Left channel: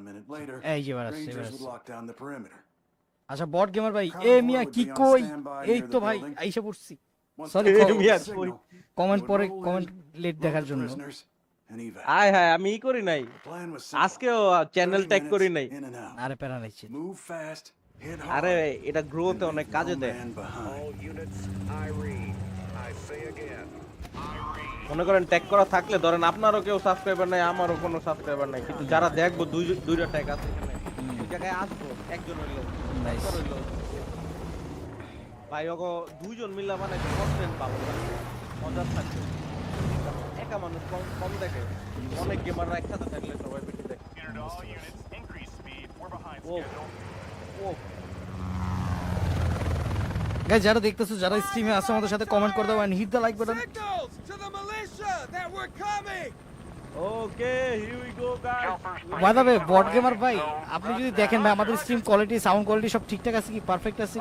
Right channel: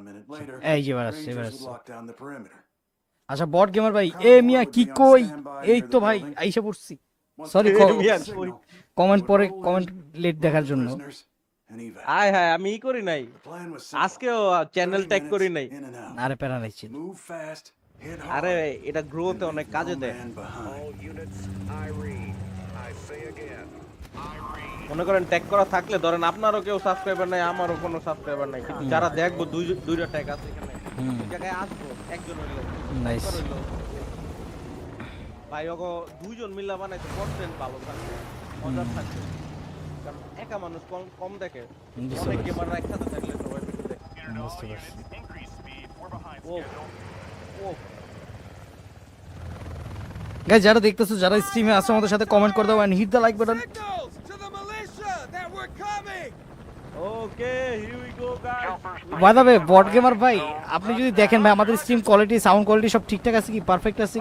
One minute later, এই যে আসছে, Rangers would lock down the perimeter. আচ্ছা বট গেমার ভাই এ মিয়া would কি be on কই standby এই near তো the ভাই আইসা পড়ছি কমেন্ট পরে কমেন্ট লেট দেখার the জন্য. হায় হায় আমি ই করি নাই plan was simple. আজকেও চ্যানেল 30 ট্যাগ করি নাই. আরে প্যারা নাইছি Move fast, hit hard. আরে এটা leave অনেক কাজে দেয় মনে করেন ট্যাগ করা থাকলে ধরেন আপনারও কেউ সাবস্ক্রাইবার নাই আমারও কোনো সাবস্ক্রাইবার নাই। কিন্তু যারা দেখব দুই দুইটা ট্যাগ আছে এখানে। ওই জায়গায় আসব একজন হইল একবার হইল। ভাই ওগো দুইজন মিলা মানে কন্টেন্ট থাকবে মজার থাকবে। একা মানুষ কম কম দেখে। কিন্তু অনেক গেমাররা একসাথে থাকলে সবাই বেশি দেখে Unit to গাইস যারা দেখতেছো যারা স্ট্রিমে আছো আমাদের সাথে কমেন্ট করে দাও and hit the like okay ভাই আপনি যদি দেখেন আমাদের স্ট্রিম কোয়ালিটি সাউন্ড কোয়ালিটি সব ঠিকঠাক আছে কি? পারফেক্ট আছে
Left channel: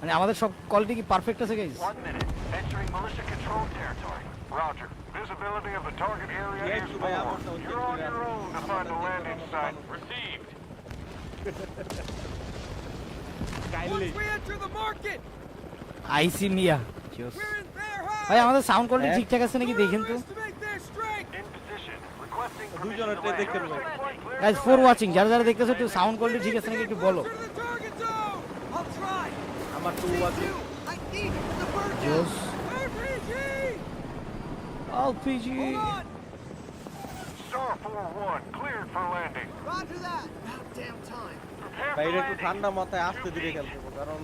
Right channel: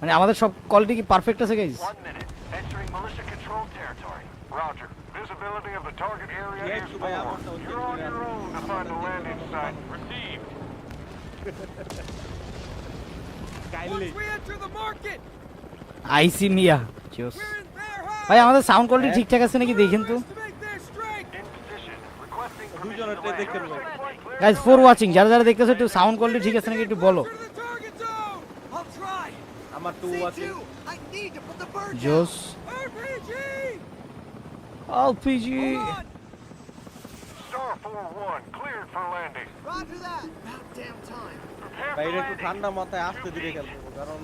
মানে আমাদের সব কোয়ালিটি কি পারফেক্ট আছে kindly Once we enter the market, I see Mia we're in their ভাই! আমাদের সাউন্ড কোয়ালিটি হ্যাঁ? ঠিকঠাক আছে নাকি দেখেন তো underestimate their strength! In position. Requesting দুজনের permission to দেখে land. নেব। Clear guys for. ওয়াচিং যারা যারা দেখতেছো একটু সাউন্ড We কোয়ালিটি ঠিক need আছে to নাকি get একটু বলো closer to the target zone! I'll try! আমার টু আছে I need to put the bird down! RPG! LPG Hold on! Star 4-1. Cleared for landing. Roger that! About damn time! Prepare for বাইরে একটু landing. ঠান্ডা মাথায় আসতে দিলে খেলবো কারণ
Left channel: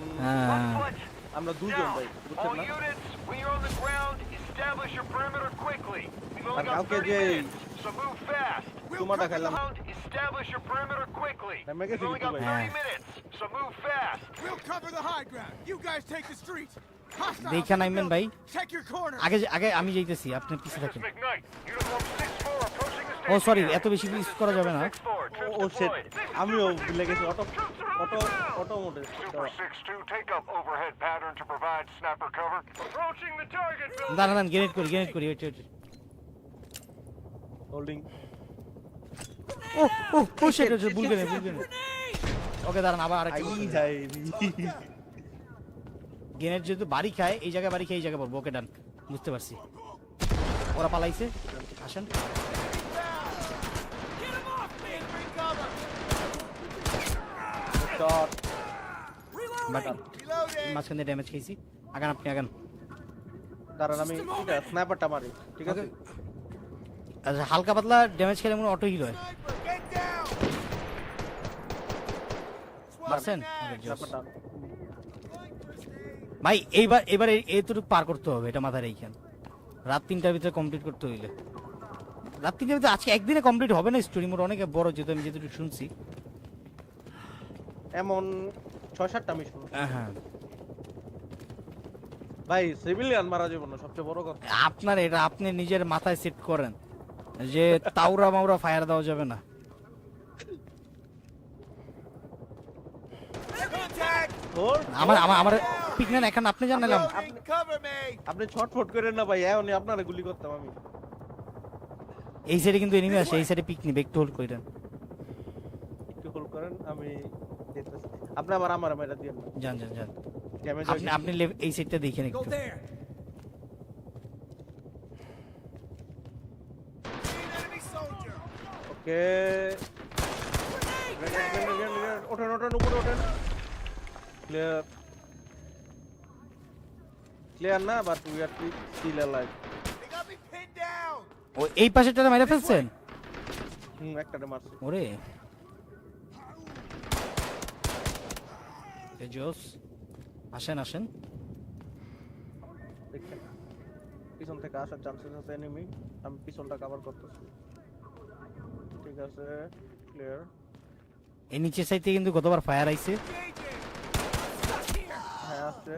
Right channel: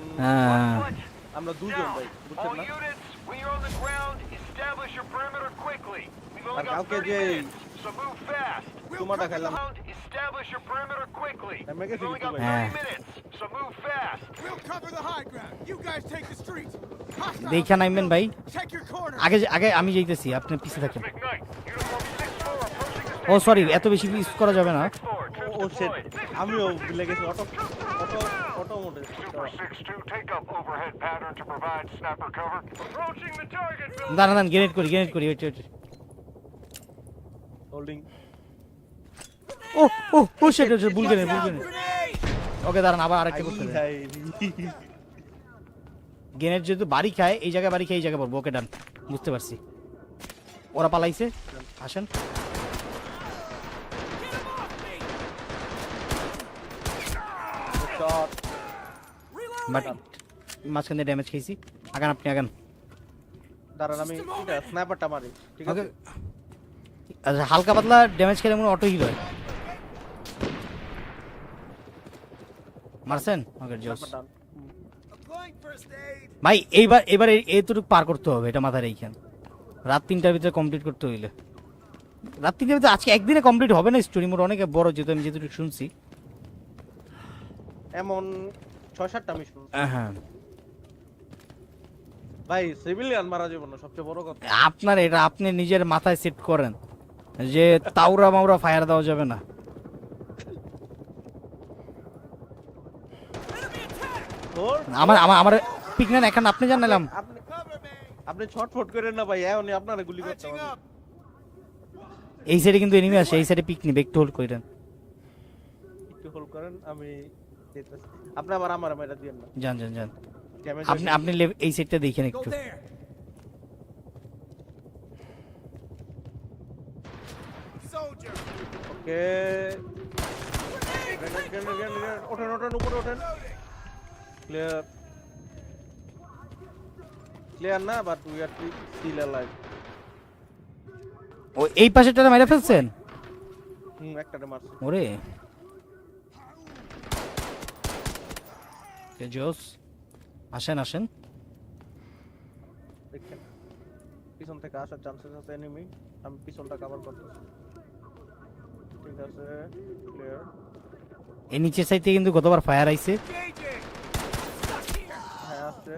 One foot. আমরা দুজন Down. ভাই All বুঝছেন না units, when you're on the ground, establish your perimeter quickly. We've only R got কাউকে 30 যে minutes, so move fast. তোমাটা খেলাম Ground, establish your perimeter quickly. I'm making We've only got it too 30 minutes, so move fast. We'll cover the high ground. You guys take the streets. Hostiles দেখে in the নামবেন ভাই building. Check your corners. আগে আগে আমি যাইতেছি আপনি পিছনে This is থাকুন McKnight. Uniform 6-4 approaching the O sorry এত বেশি ইউজ করা যাবে না। ও সেট আমিও ভুলে গেছি অটো অটো অটো মোডে Super 6-2, take up overhead pattern to provide snapper cover. Approaching the target building. দাঁড়ান দাঁড়ান গ্রেনেড করি গ্রেনেড করি ওয়েট ওয়েট হোল্ডিং ও! ওকে দাঁড়ান আবার আরেকটা আই হাই গ্রেনেড যেহেতু বাড়ি খায় এই জায়গায় বাড়ি খায় এই জায়গায় পাবো ওকে ডান বুঝতে পারছি। ওরা পালাইছে। আসেন! মাঝখান ড্যামেজ খেয়েছি। আগান আপনি আগান। দাঁড়ান আমি স্ন্যাপারটা মারি ঠিক আছে? আচ্ছা হালকা পাতলা ড্যামেজ খেলে মনে অটো হিল আছেন aid. ভাই এইবার এবার এইটুকু পার করতে হবে এটা মাথায় রেখেন রাত তিনটার ভিতরে কমপ্লিট করতে হইলে। রাত তিনটার ভিতরে আজকে একদিনে কমপ্লিট হবে না স্টোরি মোড অনেক বড় যেহেতু আমি যেহেতু শুনছি। এমন ছয় সাতটা মিশন হ্যাঁ ভাই সিভিলিয়ান মারা যাবে না সবচেয়ে বড় কথা। আপনার এটা আপনি নিজের মাথায় সেট করেন যে তাওরা মাউরা ফায়ার দেওয়া যাবে না। আমার আমার আমার পিকম্যান এখন আপনি জানেন আপনি Cover me! আপনি ছটফট করেন না ভাই এখনই আপনারা গুলি করতে হবে। এই সাইডে কিন্তু এনিমি আছে এই সাইডে পিকনি একটু হোল্ড করে দেন। একটু হোল্ড করেন আমি আপনি আবার আমার দিয়েন না। যান যান যান। ড্যামেজ আপনি আপনি এই সাইডটা দেখেন একটু! ওকে ওঠেন ওঠেন উপরে ওঠেন। ক্লিয়ার ক্লিয়ার না but we are still alive They got me pinned down! ও এই পাশেরটা মেরে ফেলছেন? হুম একটাতে মারছি। ওরে। জোস আসেন আসেন। দেখছেন? পিছন থেকে আসার চান্সেস আছে এনিমি আমি পিছনটা কভার করতেছি। ঠিক আছে ক্লিয়ার এই নিচের সাইড থেকে কিন্তু গতবার ফায়ার আইছে! হ্যাঁ আসছে!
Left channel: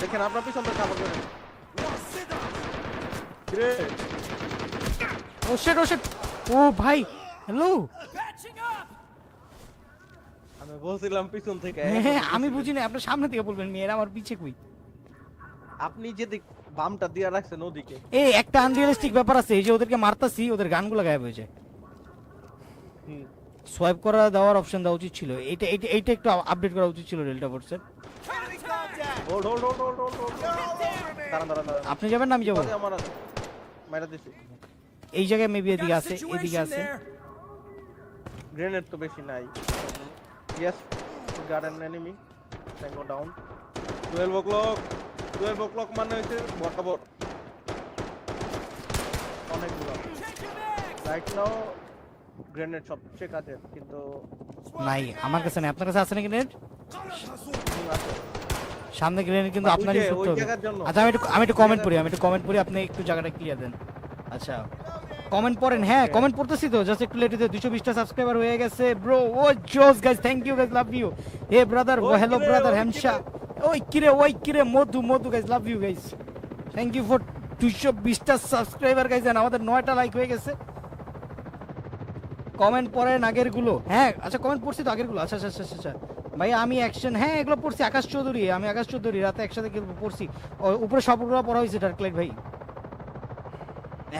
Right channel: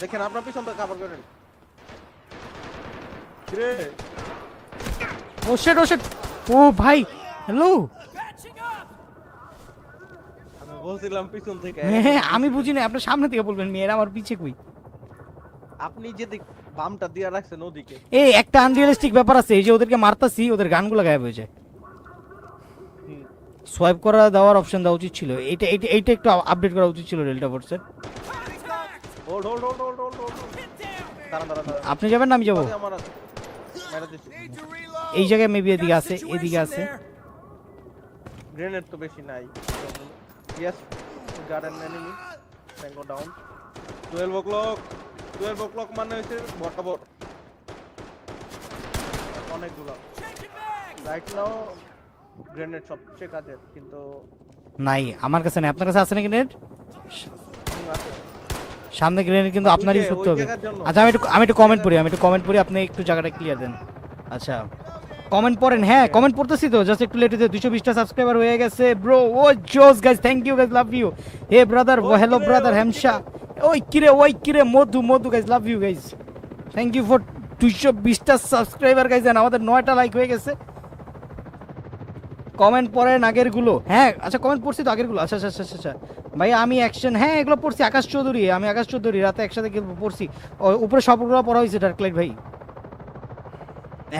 দেখেন আপনার পিছনটা কভার করেন Signal! Great oh shit oh shit ও ভাই হ্যালো Patching up! আমি বলছিলাম পিছন থেকে হ্যাঁ আমি দিছিলেন। বুঝি না আপনি সামনে থেকে বলবেন মেয়েরা আমার পিছে কই আপনি যে বামটা দিয়ে রাখছেন ওদিকে এই একটা আনরিয়ালিস্টিক ব্যাপার আছে এই যে ওদেরকে মারতাছি ওদের গানগুলো গায়েব হয়ে যায় সোয়াইপ করা দেওয়ার অপশন দেওয়া উচিত ছিল। এটা এটা এইটা একটু আপডেট করা উচিত ছিল ডেল্টা ফোর্সের hold hold hold hold hold hold দাঁড়ান দাঁড়ান দাঁড়ান। আপনি যাবেন না আমি যাব। আমার আছে। মেরা দিছি. এই জায়গায় মেবি এদিকে আছে এদিকে আছে। গ্রেনেড তো বেশি নাই। Yes got an enemy tango down 12 o'clock 12 o'clock মানে হচ্ছে বরাবর। অনেকগুলো। রাইট নাও গ্রেনেড সবচেয়ে কাজের কিন্তু নাই। আমার কাছে নেই। আপনার কাছে আছে নাকি আছে। সামনে গ্রেনেড কিন্তু আপনার ওই জায়গার জন্য। আচ্ছা আমি একটু আমি একটু কমেন্ট করি আমি একটু কমেন্ট করি আপনি একটু জায়গাটা ক্লিয়ার দেন। আচ্ছা কমেন্ট পড়েন। হ্যাঁ কমেন্ট পড়তেছি তো। জাস্ট একটু লেট হতে 220 টা সাবস্ক্রাইবার হয়ে গেছে। ব্রো ও জোস guys thank you guys love you hey brother ওই হ্যালো ব্রাদার হ্যামশা ওই কিরে। ওই কিরে Madhu Madhu guys love you guys thank you for 220 টা সাবস্ক্রাইবার গাইস এন্ড আমাদের 9টা লাইক হয়ে গেছে। কমেন্ট পড়েন আগেরগুলো হ্যাঁ। আচ্ছা কমেন্ট পড়ছি তো আগেরগুলো আচ্ছা আচ্ছা আচ্ছা আচ্ছা। ভাই আমি অ্যাকশন হ্যাঁ এগুলো পড়ছি। আকাশ চৌধুরী আমি আকাশ চৌধুরী রাতে একসাথে পড়ছি। উপরে সবগুলো পড়া হয়েছে ডার্কলাইট ভাই।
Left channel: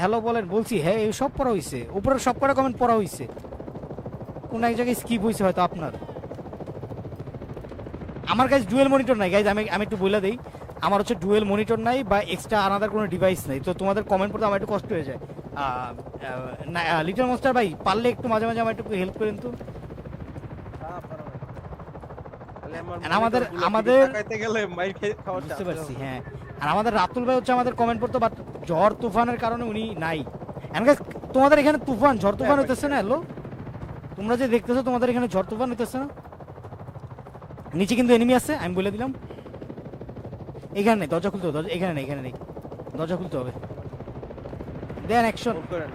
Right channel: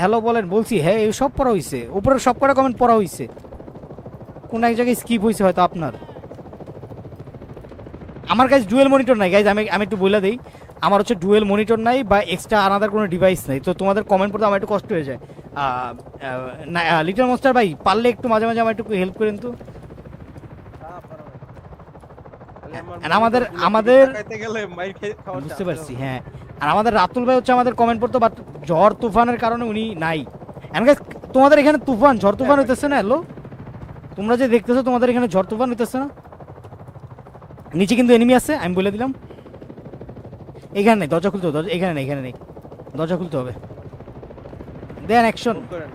হ্যালো বলেন বলছি হ্যাঁ এই সব পড়া হয়েছে। উপরে সব কটা কমেন্ট পড়া হয়েছে। কোন এক জায়গায় স্কিপ হয়েছে হয়তো আপনার। আমার কাছে ডুয়েল মনিটর নাই। গাইজ আমি আমি একটু বলে দিই। আমার হচ্ছে ডুয়েল মনিটর নাই বা এক্সট্রা আলাদা কোনো ডিভাইস নাই। তো তোমাদের কমেন্ট পড়তে আমার একটু কষ্ট হয়ে যায়। লিটল মাস্টার ভাই পারলে একটু মাঝে মাঝে আমার একটু হেল্প করেন তো। না। আমাদের- আমাদের- তাকাইতে গেলে মাইর খেয়ে। হ্যাঁ। আর আমাদের রাতুল ভাই হচ্ছে আমাদের কমেন্ট করতে বাট ঝড় তুফানের কারণে উনি নাই। তোমাদের এখানে তুফান ঝড় তুফান হ্যাঁ, হইতেছে না হ্যাঁ। হ্যালো তোমরা যে দেখতেছো তোমাদের এখানে ঝড় তুফান হইতেছে না? নিচে কিন্তু এনিমি আছে আমি বলে দিলাম। এখানে নেই দরজা খুলতে হবে এখানে নেই এখানে নেই। দরজা খুলতে হবে। দেন অ্যাকশন করেন।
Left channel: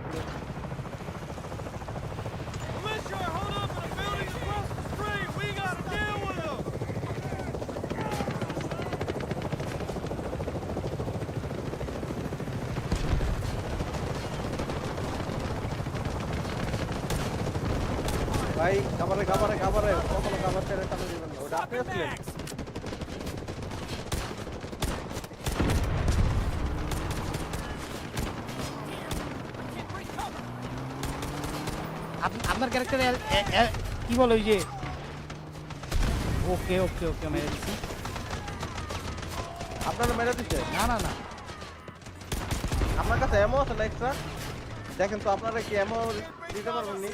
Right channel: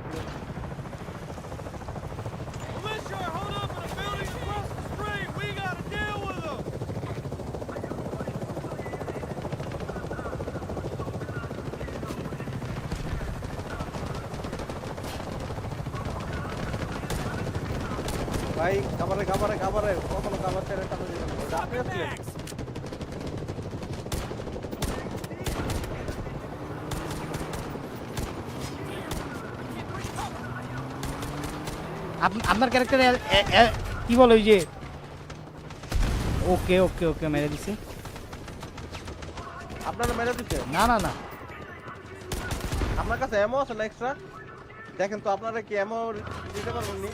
ভাই খাবারে খাবারে খাবারে। কখনো খাবার ছেড়ে সামনে দিবেন আপনি আসলেন বলো ওই যে। ওকে ওকে ওকে আপনারা মেরে দিচ্ছে না না না। আপনার কাছে এমও আছে না এক্সট্রা দেখেন তো আপনারা কি এমও দিতে পারবেন নি?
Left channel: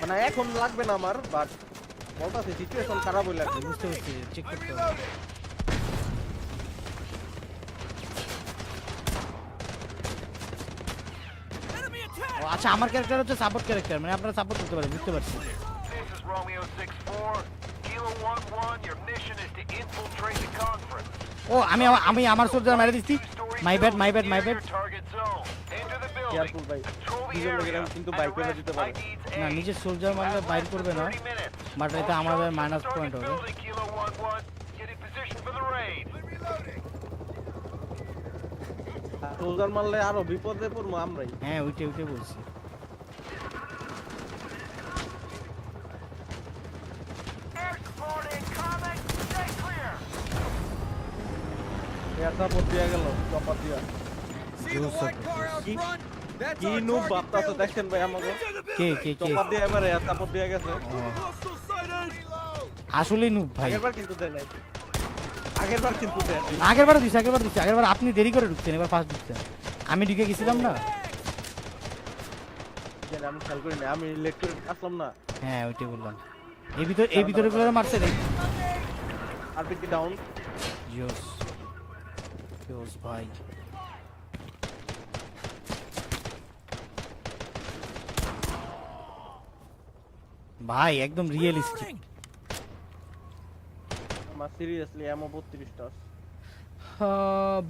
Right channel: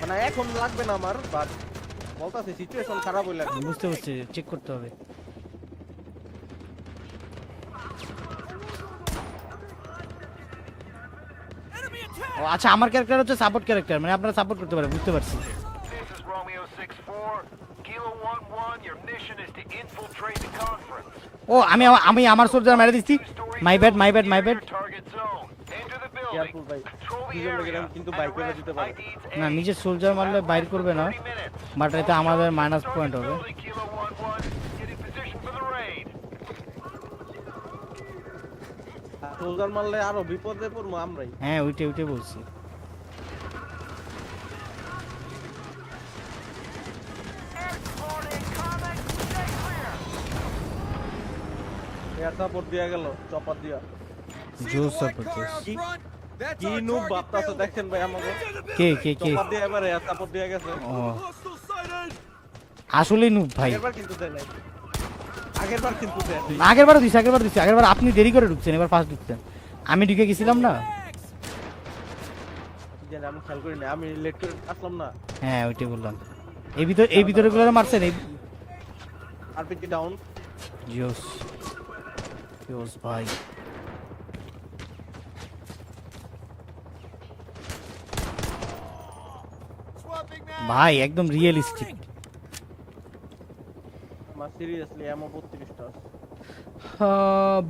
মানে এখন লাগবে না আমার বাট বলতাছি সিচুয়েশন খারাপ হইলে কি। চেক করতে হবে আচ্ছা আমার ক্যারেক্টার হচ্ছে সাপোর্ট ক্যারেক্টার মানে আপনারা সাপোর্ট করতে পারেন বুঝতে পারছি This is Romeo 6-4. Kilo 1-1, your mission is to infiltrate the conference. ও আমি আমি আমার সোলজার মেরে দিচ্ছি my bad my bad my bad Target zone. Enter the building. Careful, ভাই। Control the দুজন লোকের area. কিন্তু and বাইক arrest দিতে পারে। IDs না, A. নিজের সোলজার You মারলে less করবে than না 30 minutes. But All এটা আমাদের shots at the target point হবে। building, Kilo 1-1. Get in position for the raid. Soldier মারলে আরও বিপদে পড়ব আমরাই হ্যাঁ ওইটা ওইটা বলছি গেল চপার দিয়া। কি নুব দেখছেন ভাই আমাকে। চপার দিয়ে এবার গেছে। আগের বার কিন্তু দেয় নাই আগের বার কিন্তু দেয় নাই। আগের বার দিচ্ছি আগের বার দিচ্ছি আগের বার আপনি দেরি করে ঢুকছেন এবার পাঁচ ঢুকছেন আমি ঢুকে গেছিলাম না। জানি আমি খেয়াল করি না আমি লেট করে আসলাম না। হ্যাঁ ওইটাই বললাম। এই ভিতরে এই ভিতরে গুলো মারছে রে আরপিটি ডাউন ভাই একদম রিয়েলিস্টিক আমার সিরিয়াসলি এমন বত্রিশটা আছে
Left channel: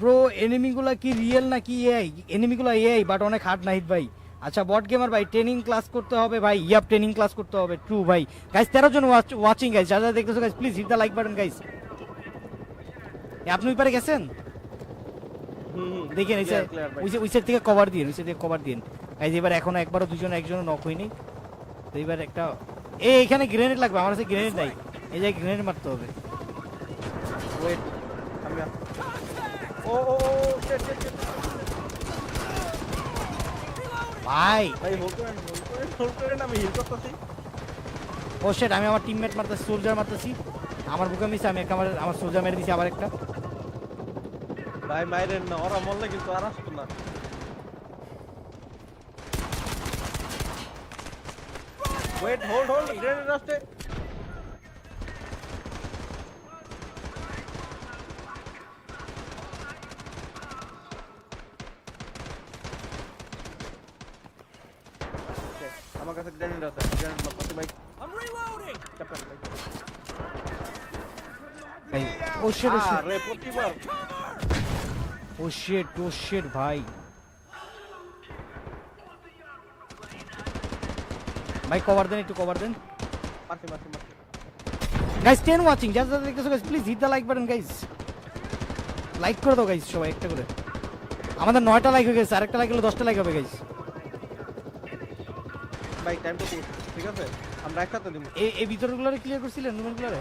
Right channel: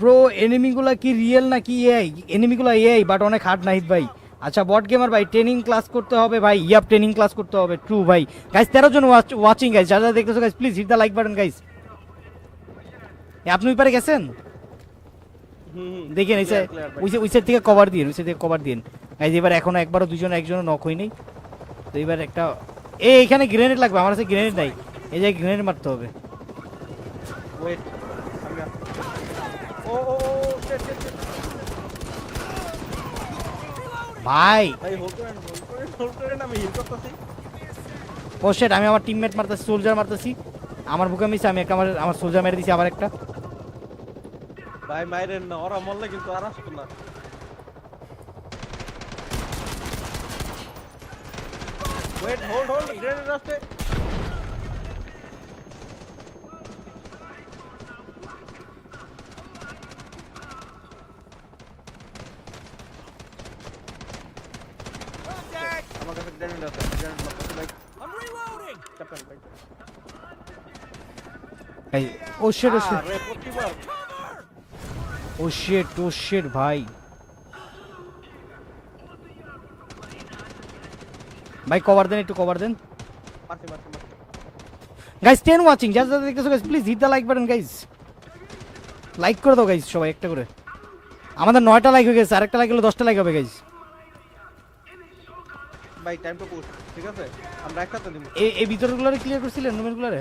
ব্রো এনিমিগুলা কি রিয়েল নাকি এআই এনিমিগুলা এআই বাট অনেক হার্ড নাইট ভাই। আচ্ছা বট গেমার ভাই ট্রেনিং ক্লাস করতে হবে ভাই। ইয়াপ ট্রেনিং ক্লাস করতে হবে টু ভাই। গাইস তেরো জন ওয়াচিং গাইস যারা যারা দেখতেছো guys please hit the like button guys আপনি ওই পারে গেছেন? দেখেন ভাই। থেকে কভার দিন থেকে কভার দিন। গাইস এবার এখনও একবারও দুজন একজন নক হয়নি। তো এবার একটা এই এখানে গ্রেনেড লাগবে আমার কাছে গ্রেনেড নাই। এই যে গ্রেনেড মারতে হবে। ওয়েট আমি ও ও ও shit, shit, shit. ভাই। ভাই হোল্ড করেন হোল্ড করেন হোল্ড করেন আমি হিল করতেছি। ও শিট আমি আমার টিমমেট মারতেছি সোলজার মারতেছি। আমার বুকে মিশে আমি একটা আমার আমার সোলজার মেরে দিচ্ছি আবার একটা। ভাই মাইরেন না ওরা মরলে কিন্তু আর আসতো না। ওয়েট হোল্ড হোল্ড গ্রেনেড আসছে আমার কাছে গ্রেনেড আছে। গ্রেনেড মারতেছি ভাই I'm reloading. ক্যাপ্টেন ভাই ভাই ও শিট আরে প্রতিবার ও শিট ও শিট ভাই ভাই কভার দেন একটু কভার দেন। মারছি মারছি মারছি। গাইস টেন ওয়াচিং যারা যারা দেখতেছো guys please hit the like button guys like করে দাও গাইস সবাই একটা করে। আমাদের নয়টা লাইক হয়ে গেছে আরেকটা লাইক হলে দশটা লাইক হবে গাইস ভাই টাইম তো পুশ ঠিক আছে? আমরা একসাথে দিব এই এই ভিতরগুলো ক্লিয়ার করছিলেন মোমেন্টগুলো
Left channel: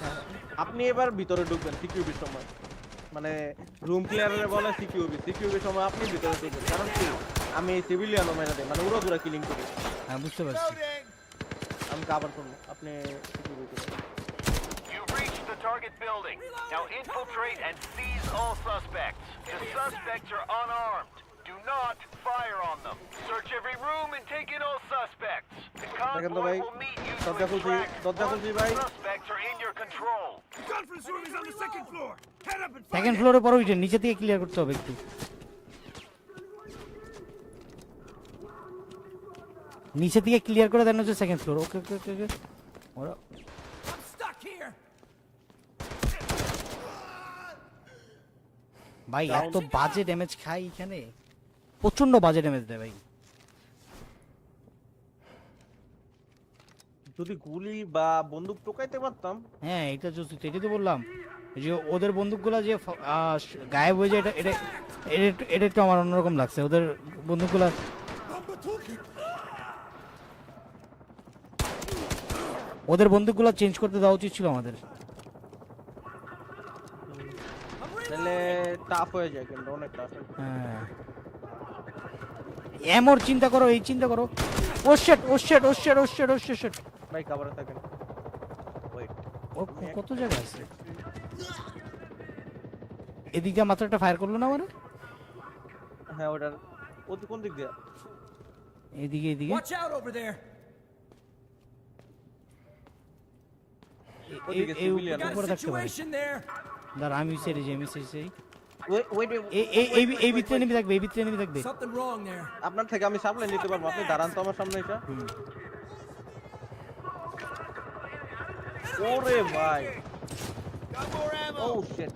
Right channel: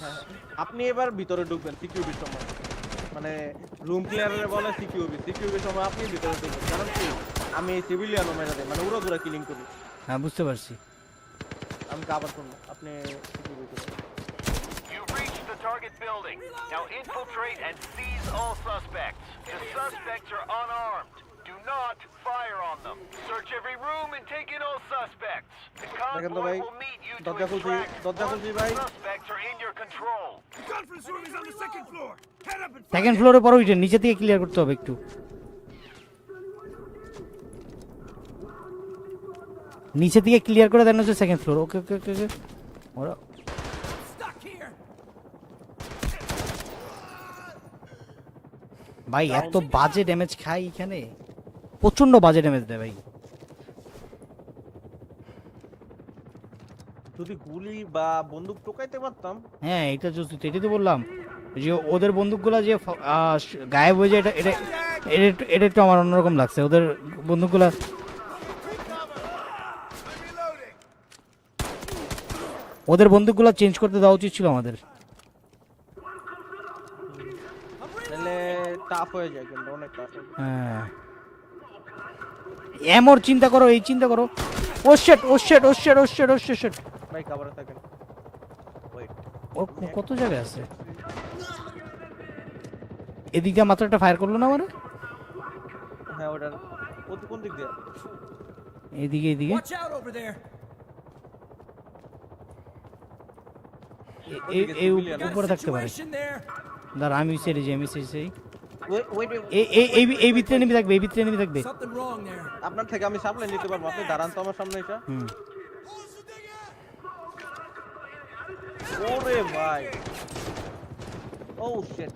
হ্যাঁ। আপনি এবার ভিতরে ঢুকবেন সিকিউরিটির সময়। মানে রুম ক্লিয়ারে বলে সিকিউরিটি সিকিউরিটির সময় আপনি ভিতরে ঢুকবেন। কারণ কি? আমি সিভিলিয়ানও মেরে দেয় মানে উড়ো দূরা কিলিং করি। হ্যাঁ বুঝতে পারছি আমি কাবার করবো আপনি security You've reached the target building. Now infiltrate and seize all suspects. The suspects are unarmed. Do not fire on them. Search every room and take in all suspects. The দেখেন তো convoy ভাই will meet you to দরজা খুলছি extract দরজা once খুলছি the ভাই suspects are in your control. Conference room is on the second floor. Head up and second ফ্লোরে পরে উঠে নিচে থেকে ক্লিয়ার করতে হবে একটু নিচে থেকে ক্লিয়ার করে দেন হচ্ছে second floor okay okay okay I'm stuck ভাই এত বাজে ড্যামেজ খাই এখানে। প্রচণ্ড বাজে ড্যামেজ দেয় ভাই। যদি গুলি বা বন্দুক টোকাইতে পারতাম। হ্যাঁ এটা তো এটাই তো বললাম। যে ওদের বন্দুকগুলা যে গায়েব হয়ে যায় এটা এটা এটা একটু- এটা একটু আমার অন্যরকম লাগছে। ওদের বন্দুকগুলা ওদের বন্দুকগুলা চেঞ্জ করতে দেওয়া উচিত ছিল আমাদের। তাহলে টাফ হয়ে যায় কিন্তু অনেক টাফ হ্যাঁ এমর চিন্তা করো এই চিন্তা করো। ও শেট ও শেট ও শেট ও শেট ও শেট ভাই কাবারে থাকেন। ওয়েট ও কত জায়গায় আছে? এদিকে মাত্র একটা ফায়ার করল না মানে? হ্যাঁ ওটার ও কোন দিক দিয়ে? এদিকে এদিকে। Watch out over there. ওদিকে এই- এই civilian Got a situation there. দাঁড়া আমি সেরে যাই আমি সেরে যাই ওয়েট ওয়েট এই এই এই এই ভিতরে নেমে থাকবে এই ভিতরে নেমে থাকবে Something wrong there. আপনার থেকে আমি সাপ্লাই নিতে পারব। আপনি দাঁড়ান তো আমার সামনে এসে। ওরে ভাই। ও শিট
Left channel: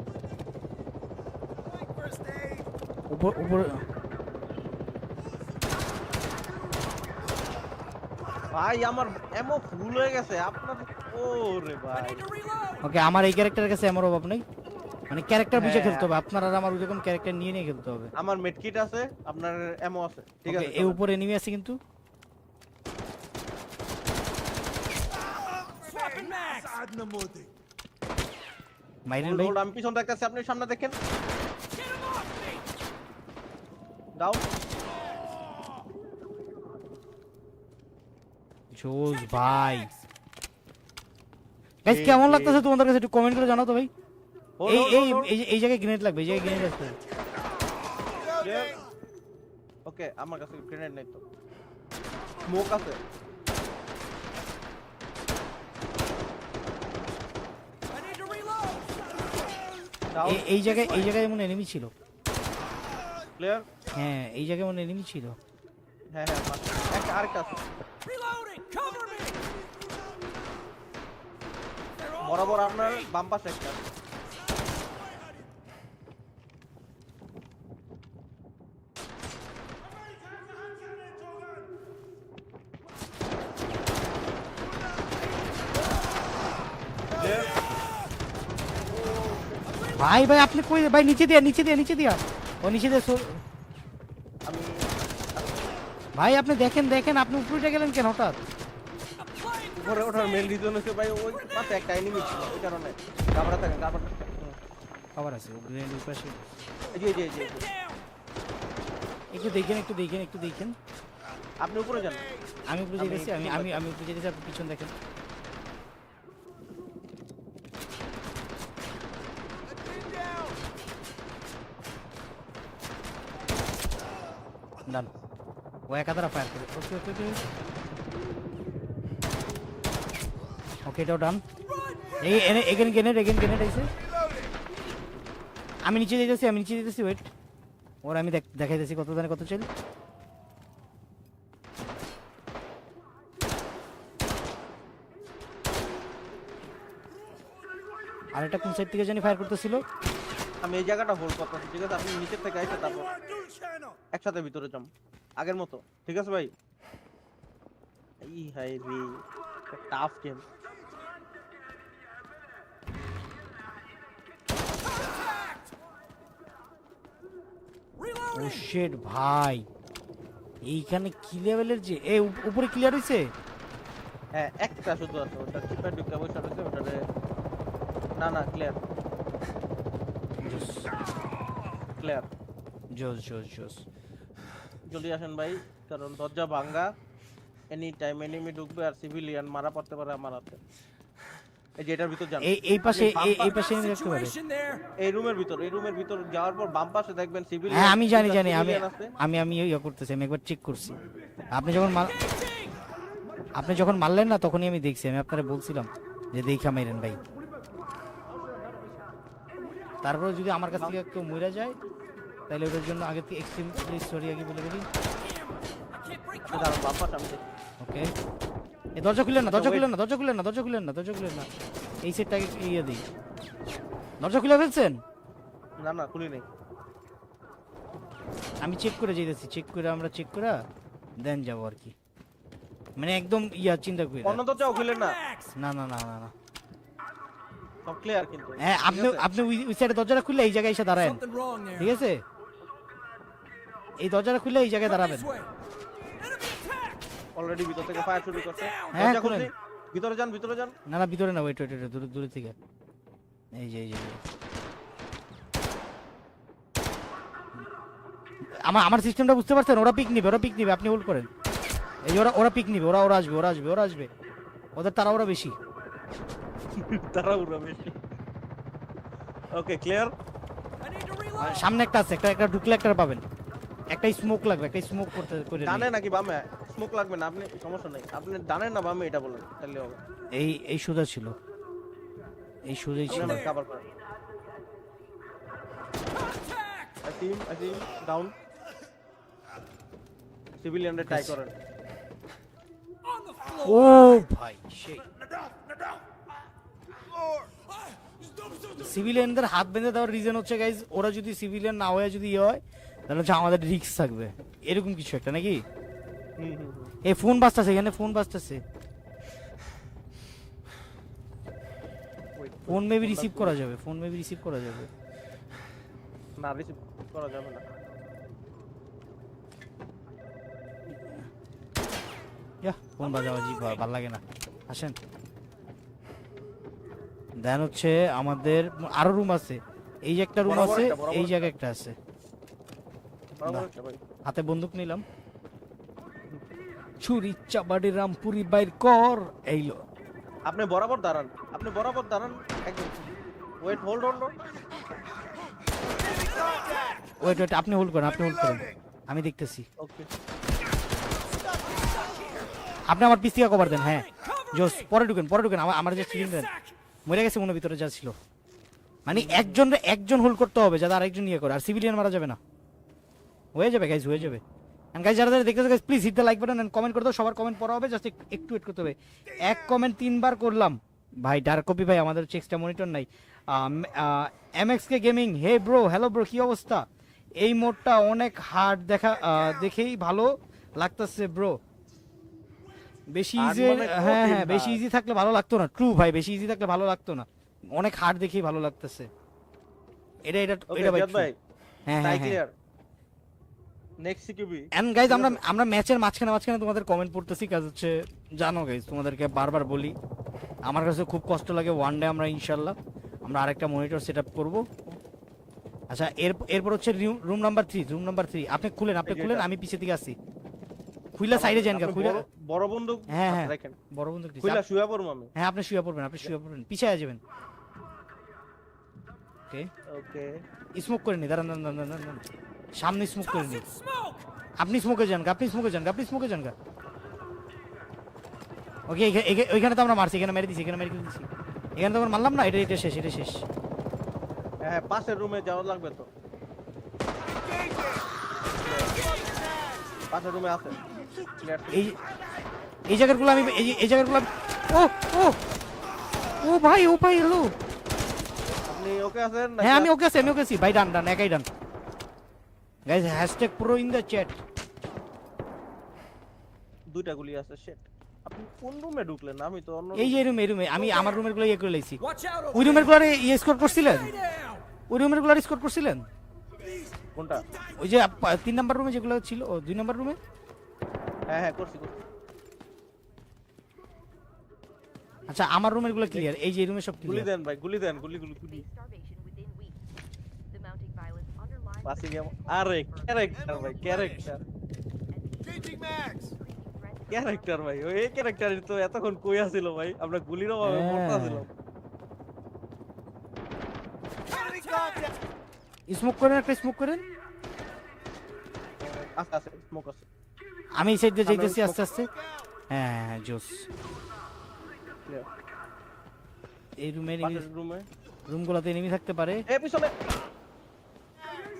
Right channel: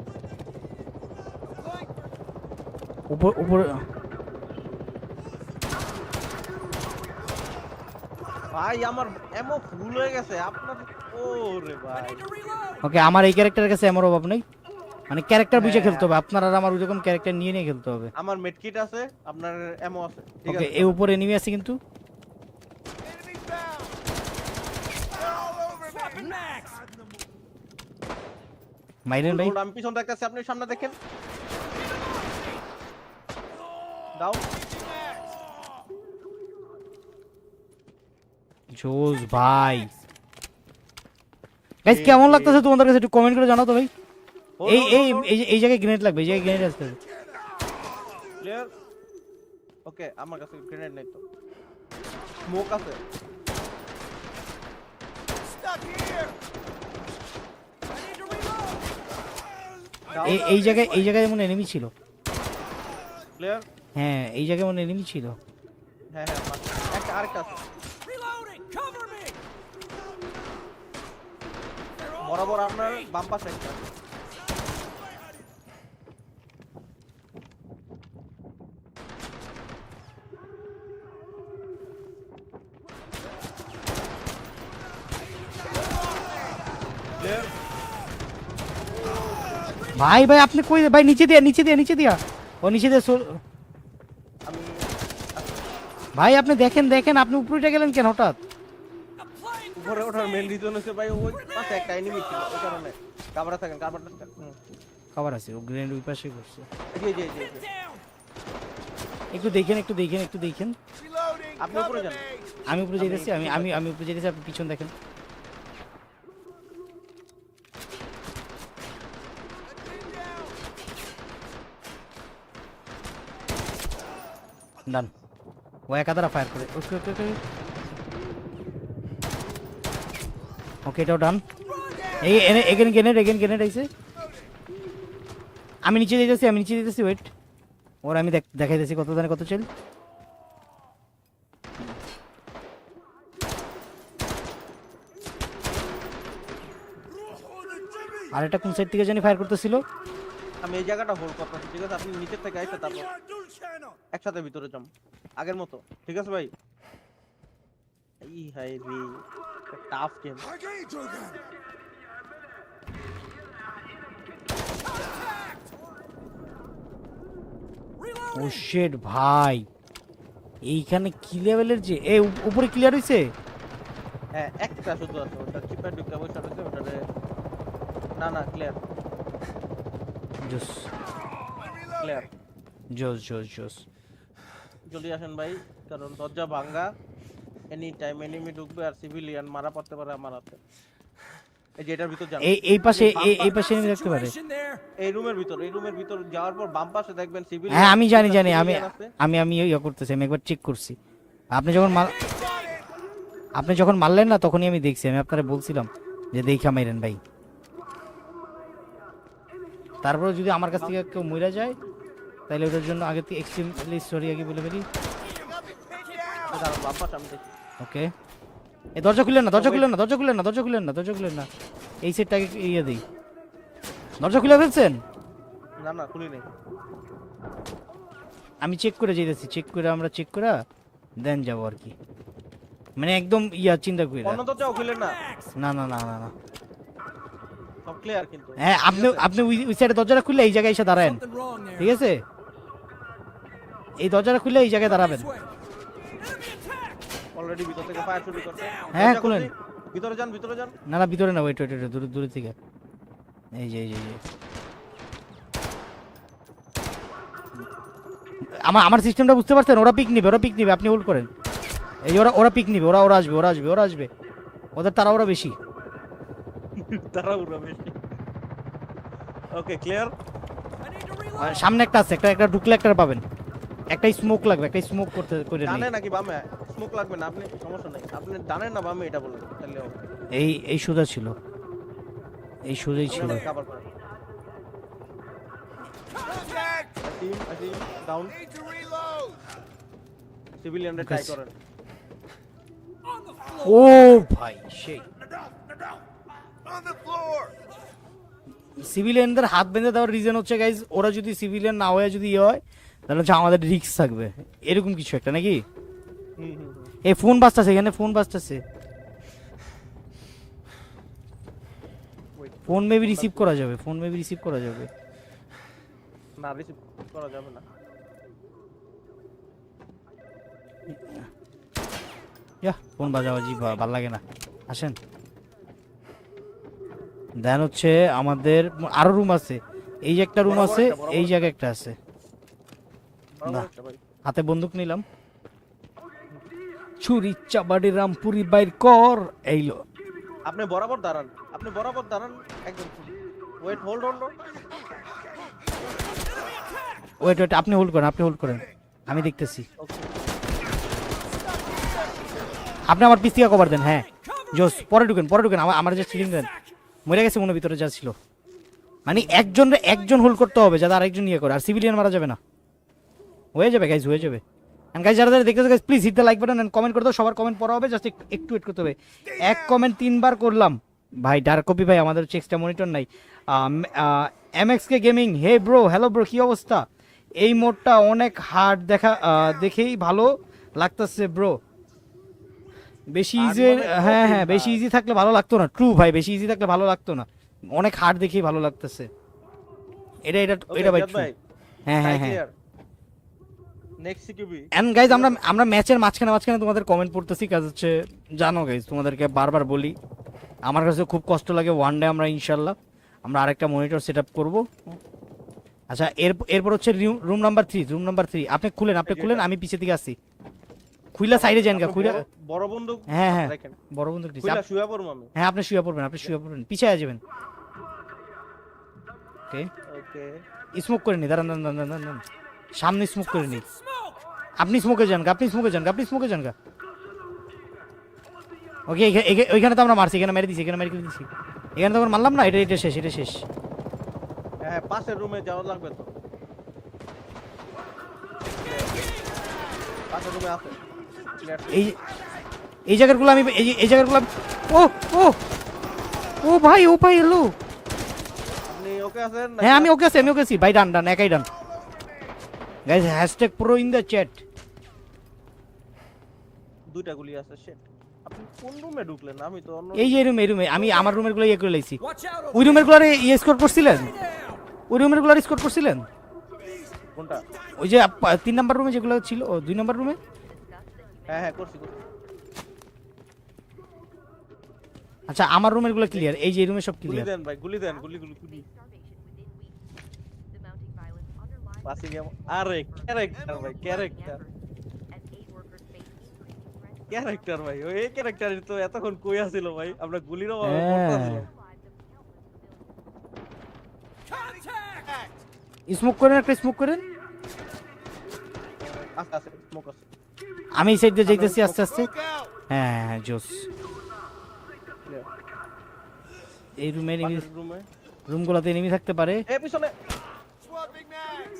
ভাই আমার এমন ফুল হয়ে গেছে। আপনার ওরে ভাই. ওকে আমার এই ক্যারেক্টারের কাছে এমন অভাব নেই। মানে ক্যারেক্টার বুঝে হ্যাঁ। খেলতে হবে। আপনার আর আমার যখন ক্যারেক্টার নিয়ে নিয়ে খেলতে হবে। আমার মেডকিট আছে আপনার এমও আছে। ঠিক আছে এই উপরে এনিমি আছে কিন্তু। Swapping max. মাইরেন হোল্ড হোল্ড আমি পিছন দেখতেছি আপনি সামনে দেখেন। দাও। জোস ভাই। গাইস কেমন লাগতেছে তোমাদের কাছে? একটু কমেন্ট করে জানাও তো ভাই। হোল্ড এই- হোল্ড হোল্ড এই যে- এই জায়গায় গ্রেনেড লাগবে এই জায়গায় গ্রেনেড লাগবে। ওকে আমার কাছে গ্রেনেড নেই তো। স্মোক আছে। এই- জায়গায় এই জায়গায় মনে এনিমি ছিল। ক্লিয়ার হ্যাঁ এই জায়গায় মনে এনিমি ছিল। হ্যাঁ হ্যাঁ একটা আরেকটা আছে। Reloading. Cover বরাবর আপনার. বাম পাশে একটা ভাই ভাই আপনি কই ভাই নিচে দিয়া নিচে দিয়া নিচে দিয়া ও নিচে দিয়া আমি ভাই আপনি দেখেন দেখেন আপনি উপরে গেলেন কেন হঠাৎ উপরে ওঠার মেন রিজন হচ্ছে ভাই ওই পাশে একটা এনিমি ছিল ওই কারণে। কামড়া থাকেন হুম। কভার আছে গ্রেনেড ওই পাশে। এই যে এই যে এই যে, একটু দেখেন একটু দেখেন একটু দেখেন। আপনি উপরে যান। আমি উপরে আমি আমি আমি দেখেছি আপনি পিছন দেখেন। ডান ও একাধারা এটাও ডান। এই এগেন গেনের এগেন গেনের এসে আমি নিচে দিতেছি আমি নিচে দিতেছি ওয়েট ওর আমি দেখ- দেখাই দিতেছি কত জানে কত চেন আর একটা কোন সাইড থেকে জানি ফায়ার করতেছিল। আমি এই জায়গাটা হোল্ড করতেছি, ঠিক আছে? আপনি নিচের থেকে আইসে তারপর একসাথে ভিতরে যাম আগের মতো, ঠিক আছে ভাই? ই হাই রে। Tough game Engage with them. শেড ভাই। এইখানে কি লেভেলের যে এ উপ- উপরে ক্লিয়ার হয়েছে হ্যাঁ একটা শুধু আছে ওটা চিপার ঢুকে বসে রয়েছে ওটারে না না ক্লিয়ার ক্লিয়ার জোস জোস জোস জলদি আসেন ভাই কারণ দরজা ভাঙ্গা। এনি টাইম এনিমি ঢুকবে আর সিভিলিয়ান মারা পড়তে পারে আমার হাতে। এই যে এটার ভিতর যান। এই এই পাশে এই- এই পাশে এই রুমের ভিতর এই রুমের ভিতর যাওয়ার পর বাম পাশে দেখবেন সিভিলিয়ান হ্যাঁ আমি জানি জানি আমি আমি আমি ইয়ে করতেছি আমি একবার চেক করছি। আপনি যখন মার- আপনি যখন মারলেন না তখনই আমি দেখছি আমি আপনারা বলছিলাম যে দেখা মাইরেন ভাই। তারপরে যদি আমার কাছ থেকে কেউ মরে যায় তাহলে ওদের জন্য আগে থেকে একটু সরি আগে দাঁড়ান বাম পাশে আমি দেখি ওকে এই দরজা খুললেন না আচ্ছা, দরজা খুললেন না দরজা খুললেন না দরজা খুললেন না দরজা খুললেন না। এই সেটটাকে ইয়ে দিই দরজা খুলে ফেলছেন? না না খুলি নেই। আমি চেক করে যেতেছি চেক করে আমরা চেক করে দেন যাব আর কি। মানে একদম ইয়া চিন্তা করি অন্য দরজাও খুলেন না? না না না না না। সব ক্লিয়ার কিন্তু। হ্যাঁ আপনি আপনি ওই সাইডে দরজাটা খুললে এই জায়গায় এসে দাঁড়ায়. ঠিক আছে? এই দরজাটা খুললে এই জায়গায় দাঁড়াবেন। অলরেডি ভিতর থেকে ফায়ার শুরু করছে হ্যাঁ, দরজা খুলছি। ভিতরে যান ভিতরে যান। না না ভিতরে না ওয়েট ওয়েট ওয়েট দূরে দূরে থেকে এই যে এই যে। আমার আমার সিস্টেমটা বুঝতে পারছেন? ওরা পিক নিবে ওরা পিক নিবে আপনি হোল্ড করেন। এই ওরা ওরা পিক নিবে ওরা ওরা আসবে ওরা আসবে ওরা আসবে। ওদের তারা ওরা বেশি। তারা উড়া বেশি ওকে ক্লিয়ার. সামনে একটা আছে একটা একটা ঢুকলে একটা পাবেন। একটা স্মোক লাগবে একটা স্মোক করতে করে ডানে নাকি বামে? স্মোক লাগবে না আপনি সমস্যা নাই। আপনি ডানে না বামে এটা বলুন তাহলে হবে। এই এই সোজা ছিল। এই সোজাই ছিল। আমার কভার করেন। Asim Asim down reload. Try করেন. ও ভাই the floor. সিভিলিয়ানদের হাত বেঁধে দেওয়ার রিজন হচ্ছে গাইজ ওরা যদি সিভিলিয়ান না হয়ে যদি ইয়ে হয় তাহলে হচ্ছে আমাদের রিস্ক থাকবে। এরকম কিছু একটা নাকি। এই ফোন বাজতেছে এখানে ফোন বাজতেছে। ফোন মেবি রিসিভ করা যাবে ফোন মেবি রিসিভ করা যাবে। না রিসিভ করা যাবে না। ইয়া ফোন বাজা ভালো লাগে না। আসেন। দেন হচ্ছে আমাদের আরও রুম আছে। এই যে একটা রুম আছে এই। জায়গায় একটা আছে। বরাবর একটা ভাই। হাতে বন্দুক নিলাম। ছুরি চাবাড়ি রামপুরি বাইর কর এইলো আপনি বরাবর দাঁড়ান আপনি বরাবর দাঁড়ান একদম। Wait hold hold wait wait আপনি হোল্ড করেন আপনি হোল্ড করেন। আমি দেখতেছি। ওকে আপনি আমার পিস থেকে কভার দেন হ্যাঁ। জোস পরে ঢুকেন পরে ঢুকেন। আমার আমার যে ফিলিং দেন। মরে গেছে মনে ভিতরে যা ছিল। মানে একজন একজন হোল্ড করতে হবে যাতে আরেকজন ইয়ে করে। আর সিভিলিয়ান মারা যাবে না। হয়ে যাবে গাইজ হয়ে যাবে। এন্ড গাইজ যারা যারা দেখতেছে guys please hit the like button and comment করে দাও সবার কমেন্ট পড়া হবে জাস্ট একটু ওয়েট করতে হবে। এক কমেন্ট তিনবার করলাম। ভাই ডার্ক কপি ভাই আমাদের হচ্ছে এক্সট্রা মনিটর নাই। MX K gaming hey bro hello bro কি অবস্থা? এই মোডটা অনেক হার্ড দেখা দেখেই ভালো লাগতেছে ব্রো বেশি ইজি মানে হ্যাঁ হ্যাঁ বেশি ইজি থাকলে ভালো লাগতো না। ট্রু ভাই বেশি ইজি থাকলে ভালো লাগতো না। অনেক হার্ড দেখেই ভালো লাগতেছে। এটা এটা ভাই হ্যাঁ clear next CQB and guys আমরা আমরা ম্যাচের মাঝখানে মাঝখানে তোমাদের কমেন্ট পড়তেছি কাজ হচ্ছে জানো গাইজ তোমাদেরকে বারবার বলি আমার কাছে খুব কষ্ট লাগে ওয়ান ডে আমরা ইনশাল্লাহ আমরা আরেকটা মনিটর সেট আপ করব। আচ্ছা এর এরপর হচ্ছে room number three room number three আপনি খুলেন আপনি খুলেন আমি পিছে দিকে আসছি। খুইলা সাইডে যান বড় বড় বন্দুক হ্যাঁ, হ্যাঁ। রাখেন বড় বন্ধু খুইলা শুয়ে পড়ব আমি। হ্যাঁ আপনি শুয়ে পড়বেন আপনি শুয়ে পড়বেন। পিছে যাবেন। ওকে স্মোক করে নি দাঁড়ান, দাঁড়ান দাঁড়ান। সামনে স্মোক করে নি আপনি স্মোকে যান আপনি স্মোকে যান আপনি স্মোকে যান ওকে ওইখানে তো আমরা মারছি এখানে মেরে দিছি এখানে মেরে দিছি। এখানে তো আমরা মারলাম না এটা এটা শেষ এটা শেষ। হ্যাঁ পাশের রুমে যাওয়া লাগবে তো। পাশের রুমে আছে। এই এই জায়গাগুলো আমি এই জায়গাগুলো ও ও ও ভাই ও ভাই এলো আপনি ওকে আছেন নাকি হ্যাঁ আমি ওকে আছি আমি ওকে আছি। ভাই ডান ডান একাই done. Guys hashtag pro in the chat দুইটা গুলি আছে শেট আপনি কোন রুমে ঢুকলেন? আমি তো অন্য এই রুমে এই রুমে আমি আমার রুমেরগুলো ইয়ে করে লাইছি। Watch out over ওই রুমেরগুলো ইয়ে স্কোর করছিলেন! ওই রুমেরগুলো স্কোর করছিলেন? কোনটা? ওই যে তিন নাম্বার রুমে যেগুলো ছিল ও দুই নাম্বার রুমে হ্যাঁ হ্যাঁ করছি করছি। আচ্ছা আমার রুমেরগুলো ক্লিয়ার এই যে এই রুমে সব গুলি clear। দেন ভাই গুলি দেন গুলি গুলি গুলি। আরে ক্যারেক্টার ভাই ক্যারেক্টার ক্যারেক্টার ভাই ওই ক্যারেক্টার তো এতক্ষণ কই আছিল ভাই আমরা গুলির অভাবে হ্যাঁ। মরতে আসছিলাম স্মোক করেন একটা স্মোক করেন আস্তে আস্তে স্মোক আছে আমি এই সাইড দিয়ে দেখতেছি আস্তে আস্তে হ্যাঁ জোস এই রুমে রুমে রুমগুলোতে এনিমি থাকতে পারে এ পিছনে.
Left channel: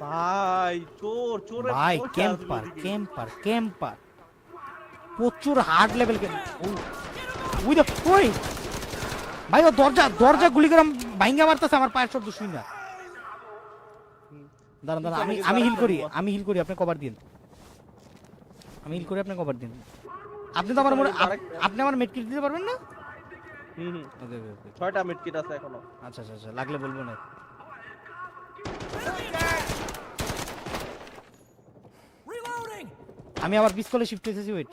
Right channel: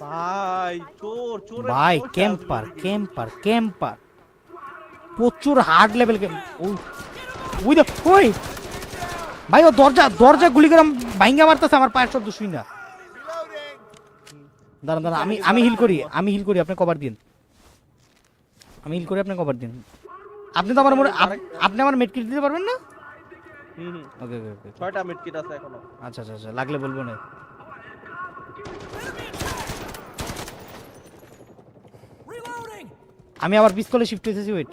ভাই চোর চোরে ভাই ক্যাম্পার ক্যাম্পার ক্যাম্পার প্রচুর হার্ড লেভেল ওই দেখ ওই। ভাই ও দরজা দরজা গুলি করে ভাঙ্গা মারতেছে আমার পায়ের দুশ্চিন্তা Reloading. দাঁড়ান দাঁড়ান আমি আমি হিল করি আমি হিল করি আপনি কভার দিন। আমি হিল করি আপনি কভার দিন। আপনি তো আমার আপনি আমার মেডকিট দিতে পারবেন না? হুম হুম। ছয়টা মিড কিট আছে এখনও। আচ্ছা আচ্ছা আচ্ছা লাগলে বলবেন। না আমি আবার পিস্তলে শিফট এসেছি ওয়েট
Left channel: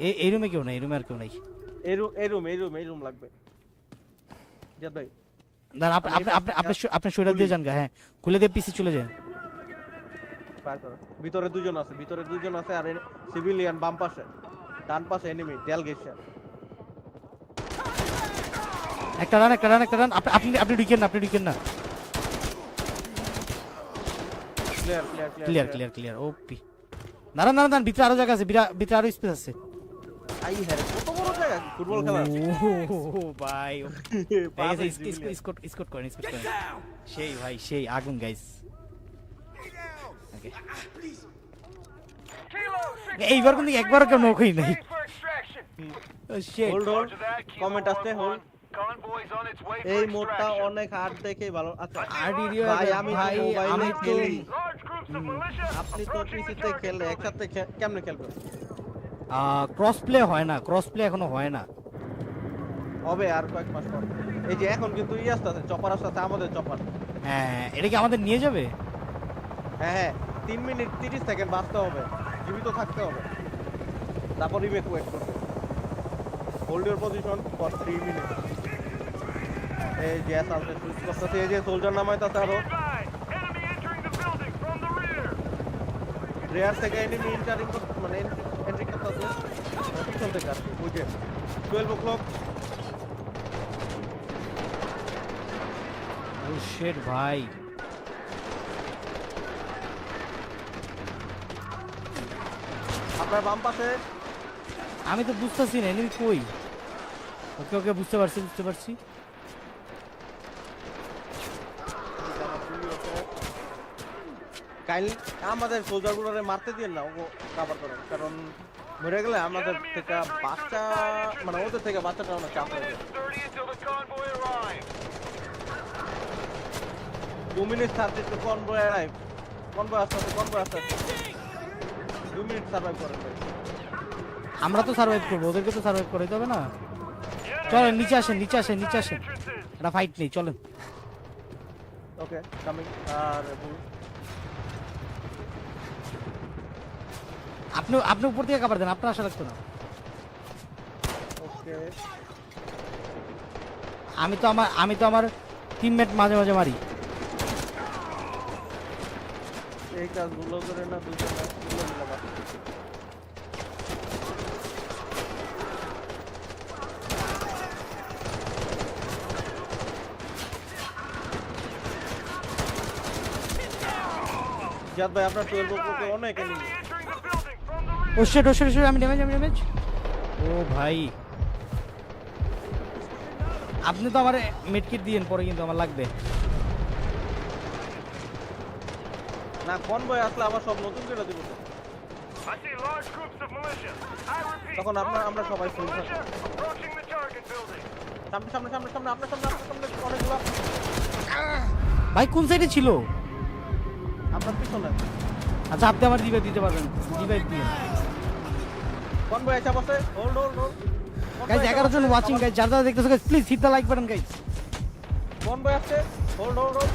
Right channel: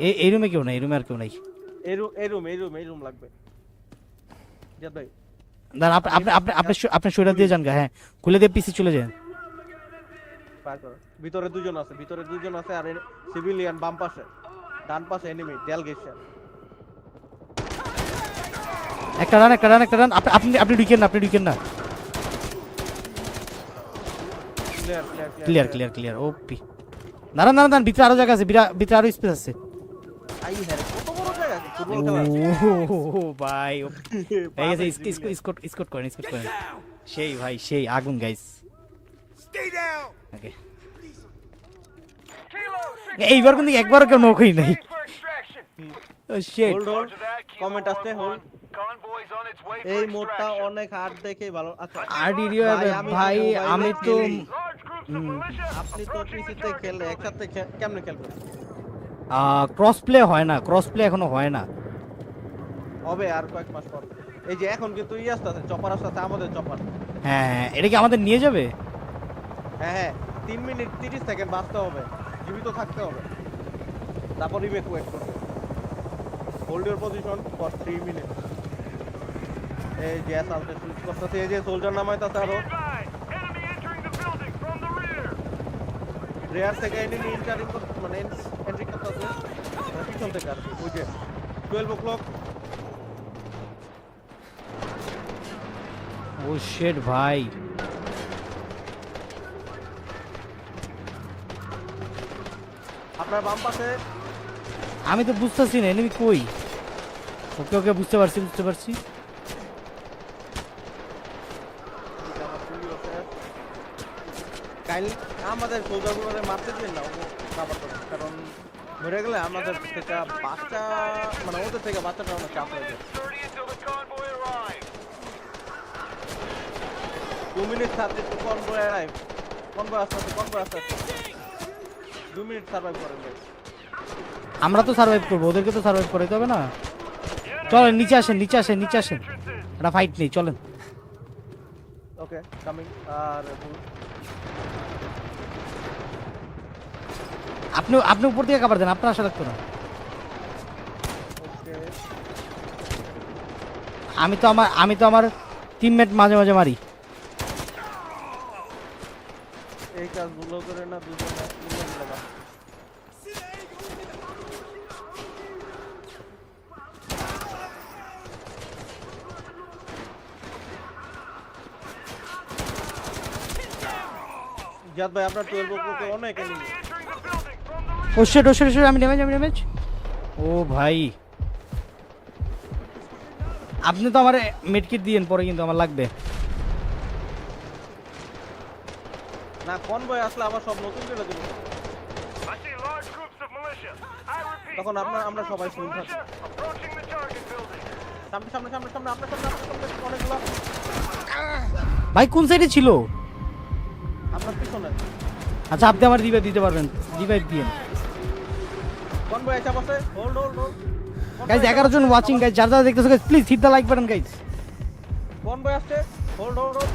এই এই রুমে কেউ নাই এই রুমে আর কেউ নাই। এই রুম এই রুম এই রুম এই রুম লাগবে। জিয়াদ ভাই। দাঁড়ান আপনি আপনি- আপনি আপনি শরীর দিয়ে যান হ্যাঁ। খুলে দিয়ে পিসি চলে যান। ভিতরে দুজন আছে ভিতরে দুজন আছে আর সিভিলিয়ান বাম পাশে ডান পাশে এনিমি ডেল গেছে। একটা রান একটা রান একটা রান আপনি আপনি আপনি ঢুকেন না আপনি ঢুকেন না। Clear clear clear clear clear OP দাঁড়ান দাঁড়ান দাঁড়ান ভিতরে আরও জায়গা আছে ভিতরে আরও স্পেস আছে। আই হ্যাঁ কত বড় জায়গা ফুটবল খেলা ও। ভাই পাশে সিভিলিয়ান স্কট স্কট করেন স্কট করেন। সেই ভাই সেই আগুন গাইস Stay down. Please. এইবার কিন্তু একবারও কেউ নৌকোই নাই। Ready for extraction. Hold hold Roger that, Kilo comment আসতে hold 1-1. Convoy's on its way এই মোডটা অনেক হার্ড দেখে ভালো। আচ্ছা ভাই আমি তো মোবাইলে খেলি। আপনি তো পিসিতে খেললে একসাথে কেমনে খেলবেন? ক্রস প্লে হয় না ক্রস প্লে এখনও হয় না। হবে আর কয়েক মাস পর। এই যে এখন কিন্তু ই আসতেছে চপার আসতেছে আমাদের চপার হ্যাঁ হ্যাঁ, এটা কি আমাদের নিয়ে যাবে? হ্যাঁ হ্যাঁ তিন মিনিট তিরিশ সেকেন্ড বাঁচতে হবে জীবিত থাকতে হবে। তারপর ইভেকুয়েট করবে। Hold your position for three minute এই যে আসতে সুইচ করতেছে এই যে সোলজার আরও। From the rear. রেয়ার থেকে এনিমি ইন্টারিং মানে এন্ট্রি করতেছে। পিছন থেকে আর কি যে টুয়েলভ ও ক্লক ভাই। আপনার বাম পাশে। আমি তো বুঝতেছি না এমনি কই? ওকে বুঝতে পারছি বুঝতে পারছি। কাইল আমাদের সোলজারগুলোরে মারতে দিয়ে না ও কাবার করেন কারণ মরে গেলে আমাদের থেকে বাচ্চা মানে ওদের থেকে বাচ্চাটা অনেক চাপ হয়ে যায়। Minutes 30 until the convoy arrives. দু মিনিট সার্ভিস তো কনভয় অ্যারাইভ কনভয় আসতে আসতে কনভয় আসতে আসতে! দু মিনিট সার্ভাইভ করেন ভাই। আমরা তো সার্ভাইভ করব ওদেরকে তো সার্ভাইভ করে যাবে না। চলেন নিচে আসেন নিচে আসেন নিচে আসেন। না ফাইট নেই চলেন। ওকে কামিং আর আপনি আপনি উপর থেকে কাবার দেন আপনার আসলে ওকে আমি তো আমার আমি তো আমার টিমমেট মাঝে মাঝে মারি। এই কাজগুলো করে না দুজনে জাদ ভাই আপনার টুয়েলভ অনেক এনিমি from the rear. ওশে ওশে ওশে আমি ড্যামেজ আমি ড্যামেজ ও ভাই। আপনি তো আমার মিডকিট দিয়েন পরে কিন্তু আমার লাগবে। না কনভয় আসলে আবার সব নতুন করে দিব। তখন আমরা- large আমরা সবাই building. সামনে সামনে সামনে সামনে আপনার সামনে আপনার সামনে অনেকগুলো ভাই কোন সাইডে ছিল? আপনার পিছনে। আচ্ছা আপনি আমার দিবে দিতে পারবেন। কনভয় বসে হোল্ড হোল্ড হোল্ড গাইজ এগারো জন ওয়াচিং গাইজ যারা যারা দেখতেছো please hit the like button guys convoy আসছে hold hold hold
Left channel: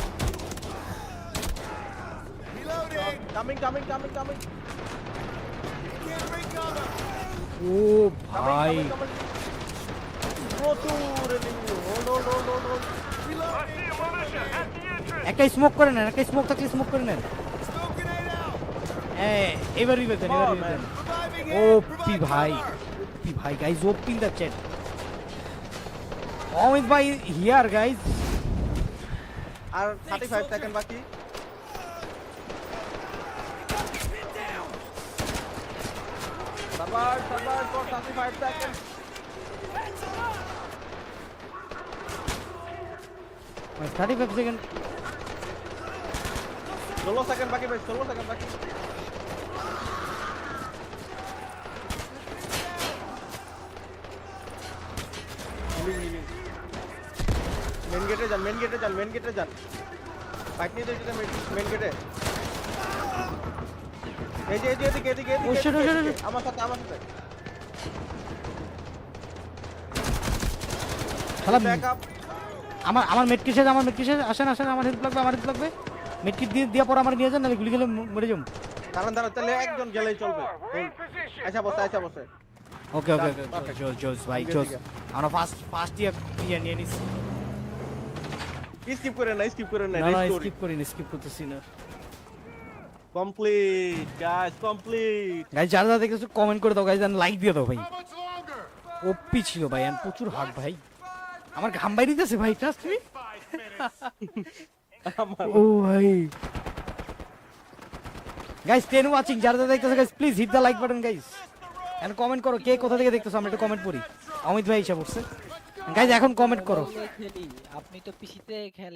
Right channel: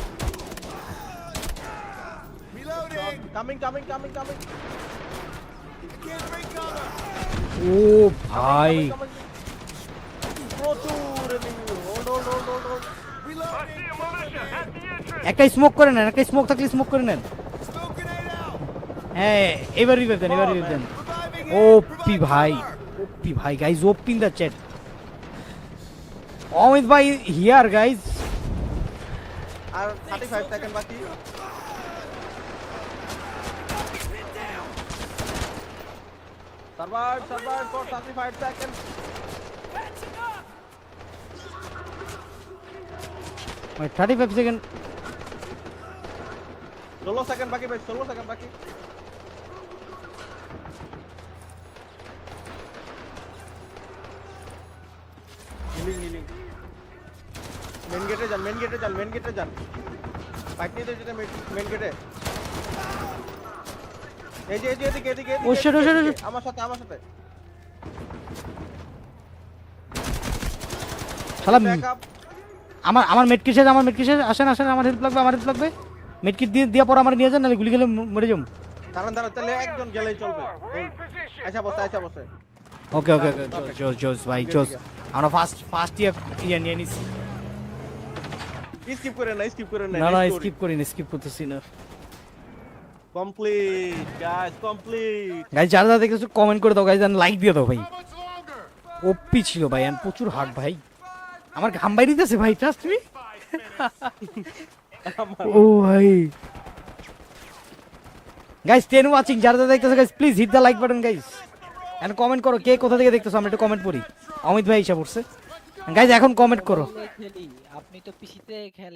Reloading! Coming coming coming coming Can't ও কামিং কামিং কামিং প্রচুর enemy hold hold hold hold hold I Reloading! see a militia at the entrance. একটা smoke করে নেন একটা smoke থাকলে smoke করে নেন hand! পি Provide ভাই ভাই guys OP the check Amit ভাই হিয়ার গাইজ আর 35 সেকেন্ড বাকি server server for 35 second thirty five second 16 second বাকি ভাই 16 সেকেন্ড বাকি হিলিং হিলিং মেন গেটে যান মেন গেটে যান মেন গেটে যান। ফাইট নিয়ে যেতে মেন গেটে এই যে এই যে এদিকে এদিকে এদিকে এদিকে, আমার সাথে আমার সাথে। শালা ব্যাক আপ আমার আমার মেটকিট শেষ আমার মেটকিট শেষ। আসেন আসেন আমার হেল্প লাগবে আমার হেল্প লাগবে। মেটকিট দিয়ে দেওয়ার পর আমার নিয়ে যান নাহলে গুলি গেলে মরে যাব। দাঁড়ান দাঁড়ান তাহলে একজন গেলেই চলবে. আচ্ছা বসে আচ্ছা বসে। ওকে. ওকে Perfect. জোস ভাই I'm good জোস আমরা ফার্স্ট ফার্স্ট ইয়ার নিয়ে নিয়ে নিছি। স্কিপ করে না স্কিপ করে না স্টোরি স্কিপ করি না স্কিপ করতেছি না কমপ্লিট গাইস কমপ্লিট গাইজ যারা যারা দেখতেছো কমেন্ট করে দাও গাইজ লাইক দিয়ে দাও ভাই। ওপি ছিল ভাই আমি প্রচুর হার্ড ভাই। আমার ঘাম বাইরে দিতেছে ভাই তা আমার ও ভাই। গাইজ টেন ওয়াচিং যারা যারা দেখতেছো guys please hit the like button guys R comment করো কে কোথা থেকে দেখতেছো আমি একটু কমেন্ট করি। অমিত ভাই হিসাব হচ্ছে গাইজ এখন কমেন্ট করো। আপনি তো পিসিতে খেলেন